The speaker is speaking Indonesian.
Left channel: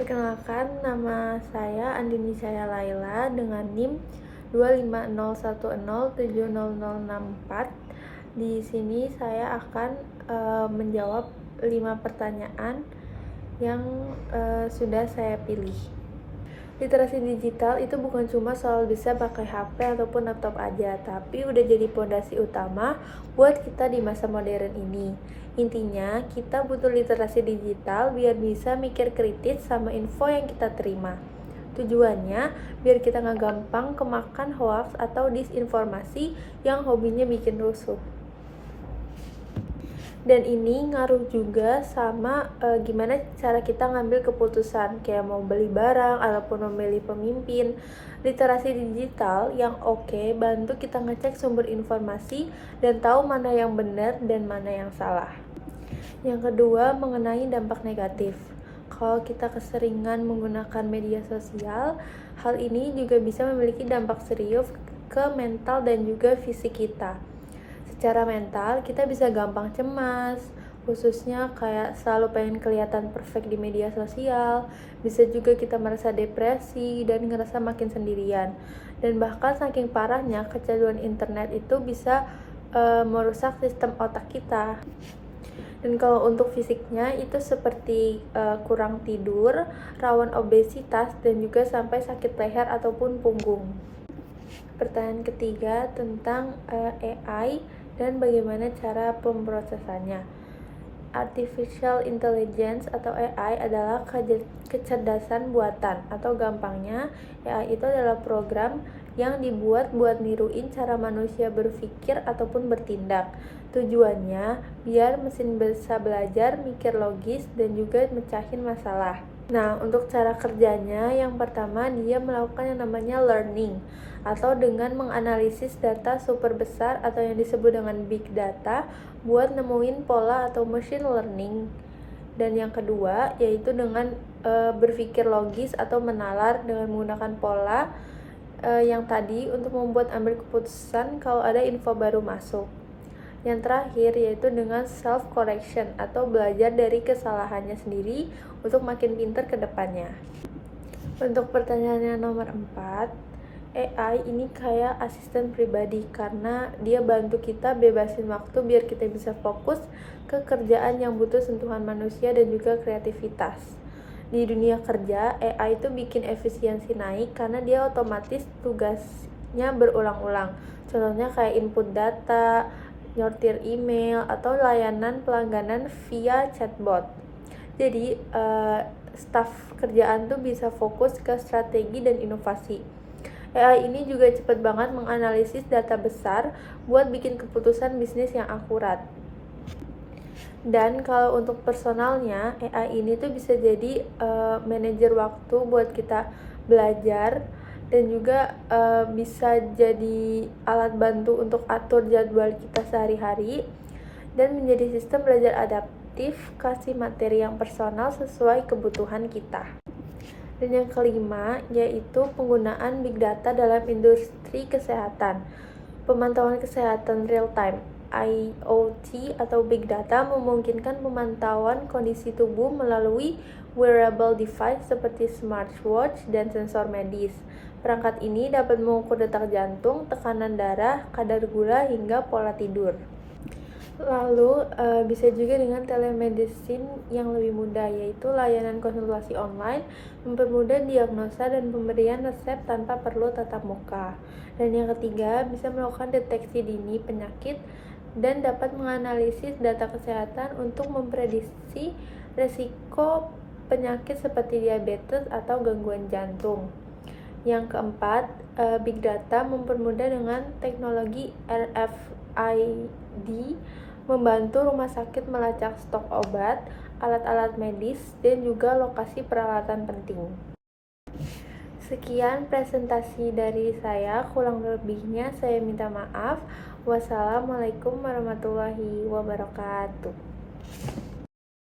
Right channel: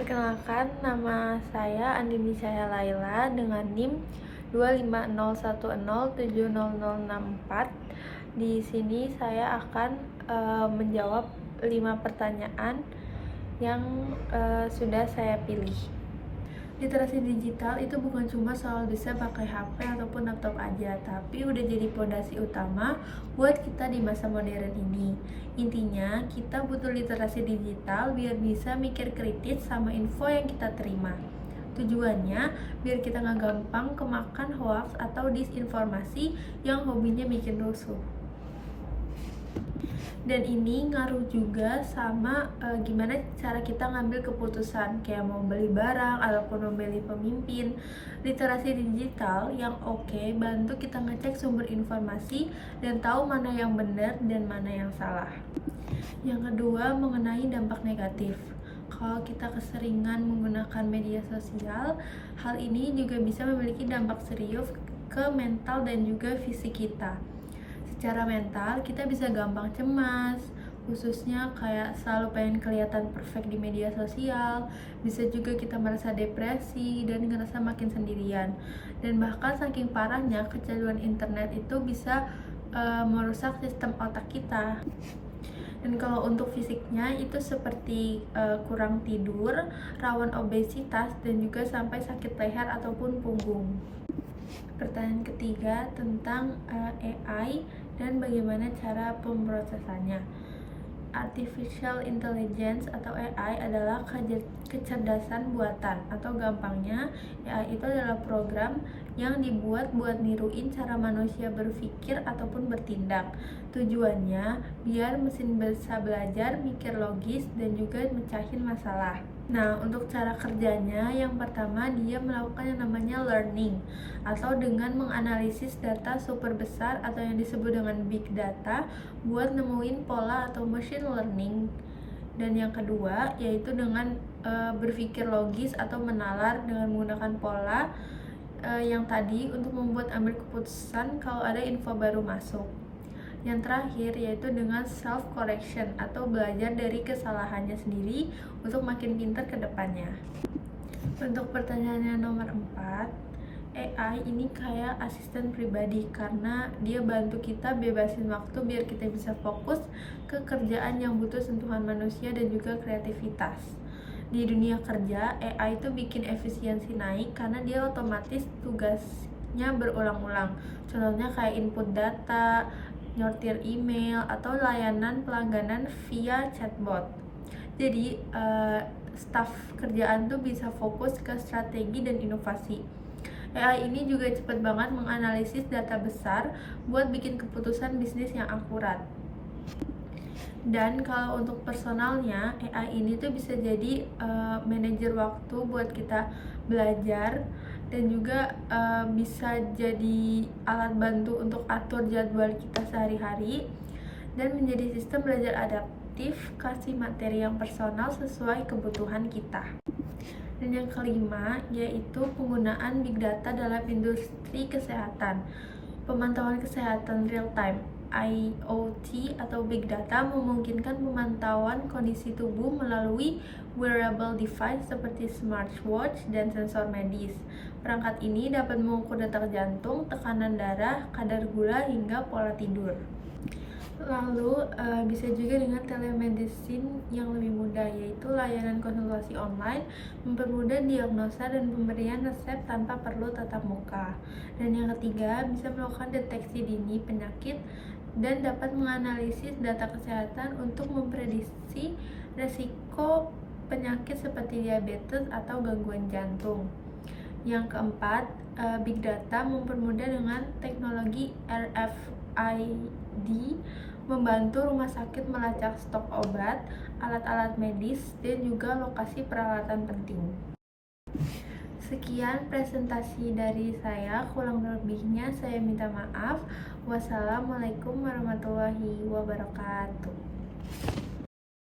Perkenalkan, nama saya Andini Cahaya Laila dengan NIM 250107064. Di sini saya akan menjawab 5 pertanyaan yang sudah saya pilih. Literasi digital itu bukan cuma soal bisa pakai HP ataupun laptop aja, tapi udah jadi pondasi utama buat kita di masa modern ini. Intinya, kita butuh literasi digital biar bisa mikir kritis sama info yang kita terima. Tujuannya, biar kita nggak gampang kemakan hoax atau disinformasi yang hobinya bikin rusuh. Dan ini ngaruh juga sama gimana cara kita ngambil keputusan, kayak mau beli barang ataupun memilih pemimpin. Literasi digital yang oke bantu kita ngecek sumber informasi dan tahu mana yang benar dan mana yang salah. Yang kedua, mengenai dampak negatif. Kalau kita keseringan menggunakan media sosial, hal ini juga bisa memiliki dampak serius ke mental dan juga fisik kita. Secara mental, kita bisa gampang cemas, khususnya kayak selalu pengen kelihatan perfect di media sosial. Bisa juga kita merasa depresi dan ngerasa makin sendirian. Dan bahkan saking parahnya, kecanduan internet itu bisa merusak sistem otak kita. Dan kalau untuk fisiknya itu seperti kurang tidur, rawan obesitas, dan juga sampai sakit leher ataupun punggung. Pertanyaan ketiga tentang AI dan bagaimana cara pemrosesannya. Artificial Intelligence atau AI adalah kecerdasan buatan, atau gampangnya AI itu adalah program yang dibuat buat niruin cara manusia berpikir ataupun bertindak. Tujuannya biar mesin bisa belajar, mikir logis, dan juga mecahin masalah. Nah, untuk cara kerjanya, yang pertama dia melakukan yang namanya learning, atau dengan menganalisis data super besar atau yang disebut dengan big data buat nemuin pola atau machine learning. Dan yang kedua yaitu dengan berpikir logis atau menalar dengan menggunakan pola yang tadi untuk membuat ambil keputusan kalau ada info baru masuk. Yang terakhir yaitu dengan self correction atau belajar dari kesalahannya sendiri untuk makin pintar ke depannya. Untuk pertanyaan yang nomor 4, AI ini kayak asisten pribadi karena dia bantu kita bebasin waktu biar kita bisa fokus ke kerjaan yang butuh sentuhan manusia dan juga kreativitas. Di dunia kerja, AI itu bikin efisiensi naik karena dia otomatis tugasnya berulang-ulang. Contohnya kayak input data, nyortir email, atau layanan pelangganan via chatbot. Jadi, staf kerjaan tuh bisa fokus ke strategi dan inovasi. AI ini juga cepat banget menganalisis data besar buat bikin keputusan bisnis yang akurat. Dan kalau untuk personalnya, AI ini tuh bisa jadi manajer waktu buat kita belajar, dan juga bisa jadi alat bantu untuk atur jadwal kita sehari-hari, dan menjadi sistem belajar adaptif, kasih materi yang personal sesuai kebutuhan kita. Dan yang kelima yaitu penggunaan big data dalam industri kesehatan. Pemantauan kesehatan real time IoT atau big data memungkinkan pemantauan kondisi tubuh melalui wearable device seperti smartwatch dan sensor medis. Perangkat ini dapat mengukur detak jantung, tekanan darah, kadar gula, hingga pola tidur. Lalu bisa juga dengan telemedicine yang lebih mudah, yaitu layanan konsultasi online, mempermudah diagnosa dan pemberian resep tanpa perlu tatap muka. Dan yang ketiga, bisa melakukan deteksi dini penyakit dan dapat menganalisis data kesehatan untuk memprediksi resiko penyakit seperti diabetes atau gangguan jantung. Yang keempat, big data mempermudah dengan teknologi RFID, membantu rumah sakit melacak stok obat, alat-alat medis, dan juga lokasi peralatan penting. Sekian presentasi dari saya, kurang lebihnya saya minta maaf. Wassalamualaikum warahmatullahi wabarakatuh.